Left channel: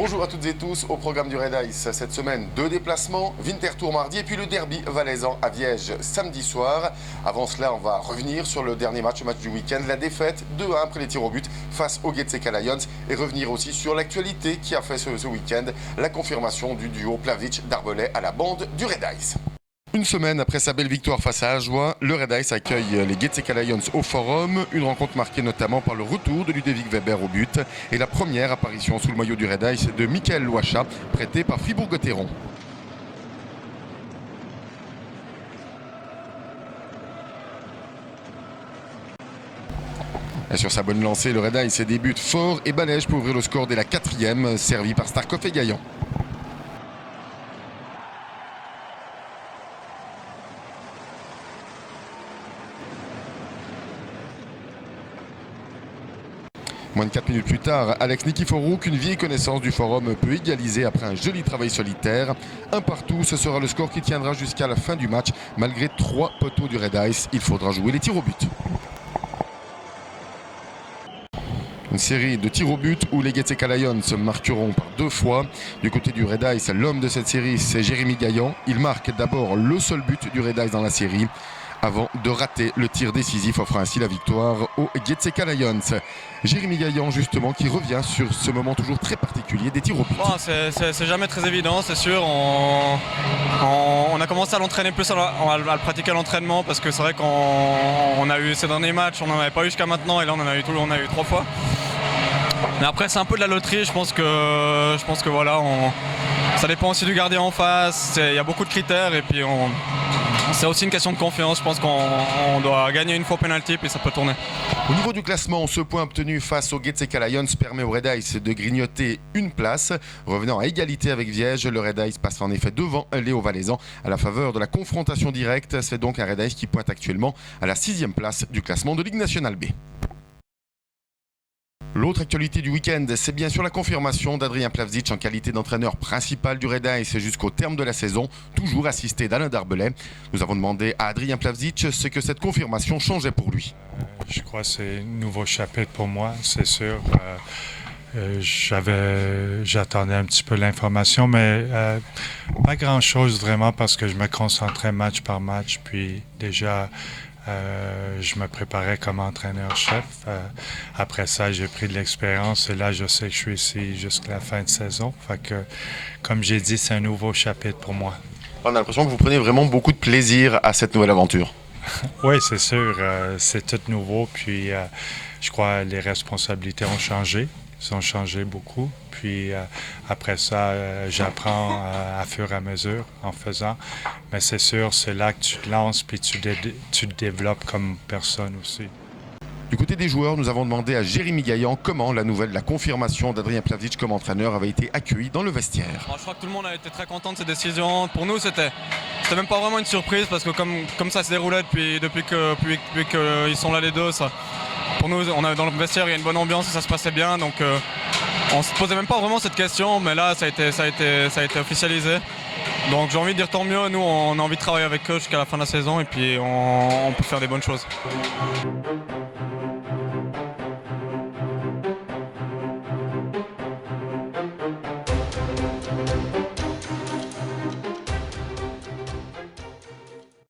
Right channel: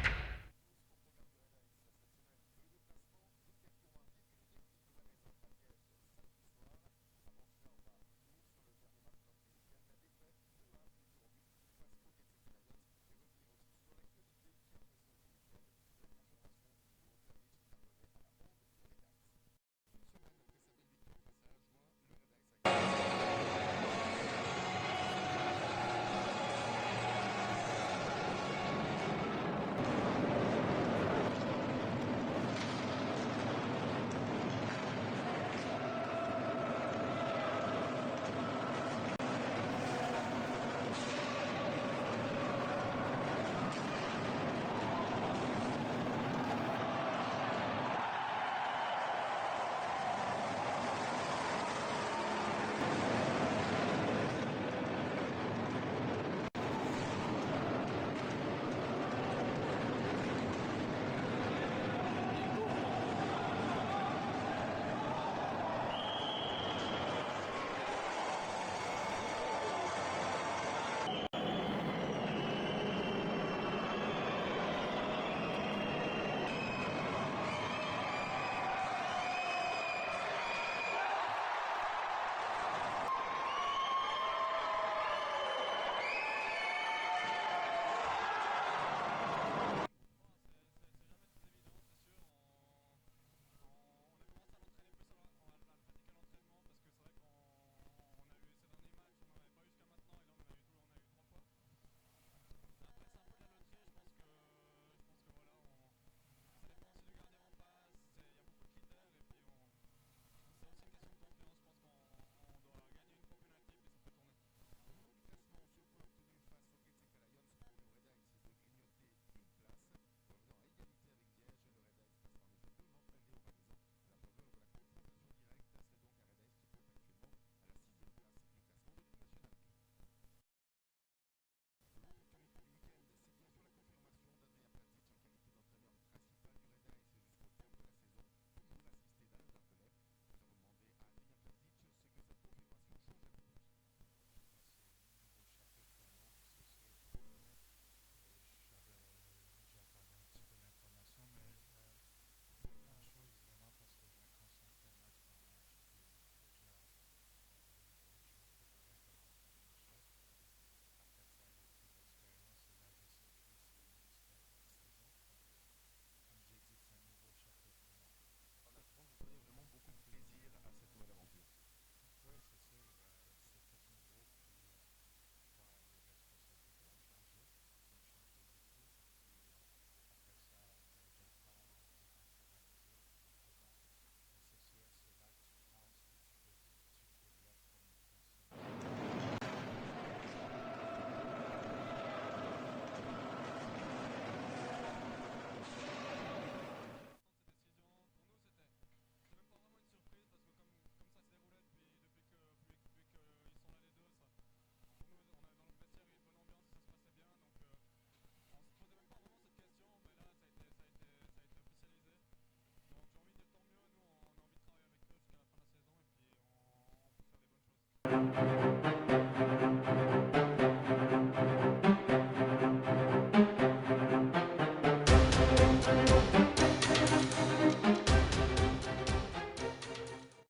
Bonjour à toutes et tous, au programme du Red Ice. Cette semaine, 2 déplacements, Winterthur mardi et puis le derby valaisan à Viège samedi soir. Avant cela, on va revenir sur le dernier match du week-end, la défaite 2-1 après les tirs au but face aux Getseka Lions et revenir aussi sur l'actualité qui a fait ce week-end, la confirmation du duo Plavsic-Darbelet à la bande du Red Ice. Une semaine après sa belle victoire face à Ajoie, le Red Ice accueille les Getseka Lions au Forum. Une rencontre marquée notamment par le retour de Ludovic Weber au but et la première apparition sous le maillot du Red Ice de Michael Loacha, prêté par Fribourg-Gotteron. Et sur sa bonne lancée, le Red Ice débute fort et balège pour ouvrir le score dès la 4e, servi par Starkov et Gaillan. Moins de 4 minutes plus tard, Alex Nikiforouk, une vieille connaissance du forum, peut égaliser après un joli travail solitaire. Un partout, ce sera le score qui tiendra jusqu'à la fin du match. Malgré 3 poteaux du Red Ice, il faudra jouer les tirs au but. Une série de tirs au but où les Getseka Lions se marqueront par 2 fois. Du côté du Red Ice, l'homme de cette série, c'est Jérémy Gaillan. Il marque d'abord le seul but du Red Ice dans la série, avant de rater le tir décisif, offrant ainsi la victoire aux Getseka Lions. Jérémy Gaillan, justement, qui revient sur ce moment toujours très particulier des tirs au but. Bon, c'est jamais très évident, c'est sûr. On a commencé à l'entraîner plus, à le pratiquer à l'entraînement, parce que c'est vrai qu'on a eu ces derniers matchs, on n'en avait pas eu jusqu'à maintenant, et là on a eu 3 fois. Mais après c'est un peu de la loterie, je pense que voilà, ça dépend aussi du gardien en face, il y a beaucoup de critères et puis c'est aussi une question de confiance. Je pense qu'on doit gagner une fois penalty puis ça peut tourner. Au niveau du classement, ce point obtenu face aux Getseka Lions permet au Red Ice de grignoter une place. Revenant à égalité avec Viège, le Red Ice passe en effet devant Léo Valaisans à la faveur de la confrontation directe. C'est donc un Red Ice qui pointe actuellement à la 6e place du classement de Ligue nationale B. L'autre actualité du week-end, c'est bien sûr la confirmation d'Adrien Plavsic en qualité d'entraîneur principal du Red Ice jusqu'au terme de la saison, toujours assisté d'Alain Darbelet. Nous avons demandé à Adrien Plavsic ce que cette confirmation changeait pour lui. Je crois que c'est un nouveau chapitre pour moi, c'est sûr. J'attendais un petit peu l'information, mais pas grand-chose vraiment parce que je me concentrais match par match, puis déjà je me préparais comme entraîneur-chef. Après ça, j'ai pris de l'expérience et là, je sais que je suis ici jusqu'à la fin de saison. Fait que, comme j'ai dit, c'est un nouveau chapitre pour moi. On a l'impression que vous prenez vraiment beaucoup de plaisir à cette nouvelle aventure. Oui, c'est sûr. C'est tout nouveau. Puis, je crois que les responsabilités ont changé. Ils ont changé beaucoup. Puis après ça, j'apprends à fur et à mesure en faisant. Mais c'est sûr, c'est là que tu te lances puis tu te développes comme personne aussi. Du côté des joueurs, nous avons demandé à Jérémy Gaillan comment la confirmation d'Adrien Plavsic comme entraîneur avait été accueillie dans le vestiaire. Je crois que tout le monde a été très content de cette décision. Pour nous, c'était même pas vraiment une surprise parce que comme ça se déroulait depuis qu'ils sont là les deux, ça, pour nous, dans le vestiaire, il y a une bonne ambiance et ça se passait bien. Donc on se posait même pas vraiment cette question, mais là, ça a été officialisé. Donc j'ai envie de dire tant mieux. Nous, on a envie de travailler avec eux jusqu'à la fin de la saison et puis on peut faire des bonnes choses.